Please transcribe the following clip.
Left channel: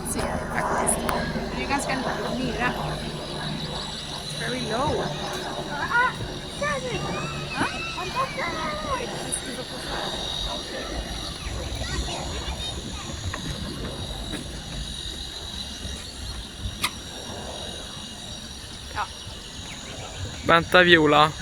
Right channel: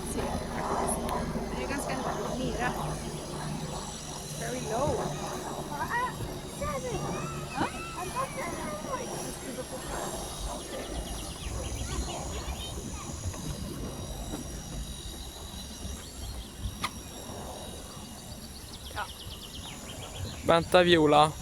man ser faktiskt. Det är ganska nära. Very low. Vänta Viola.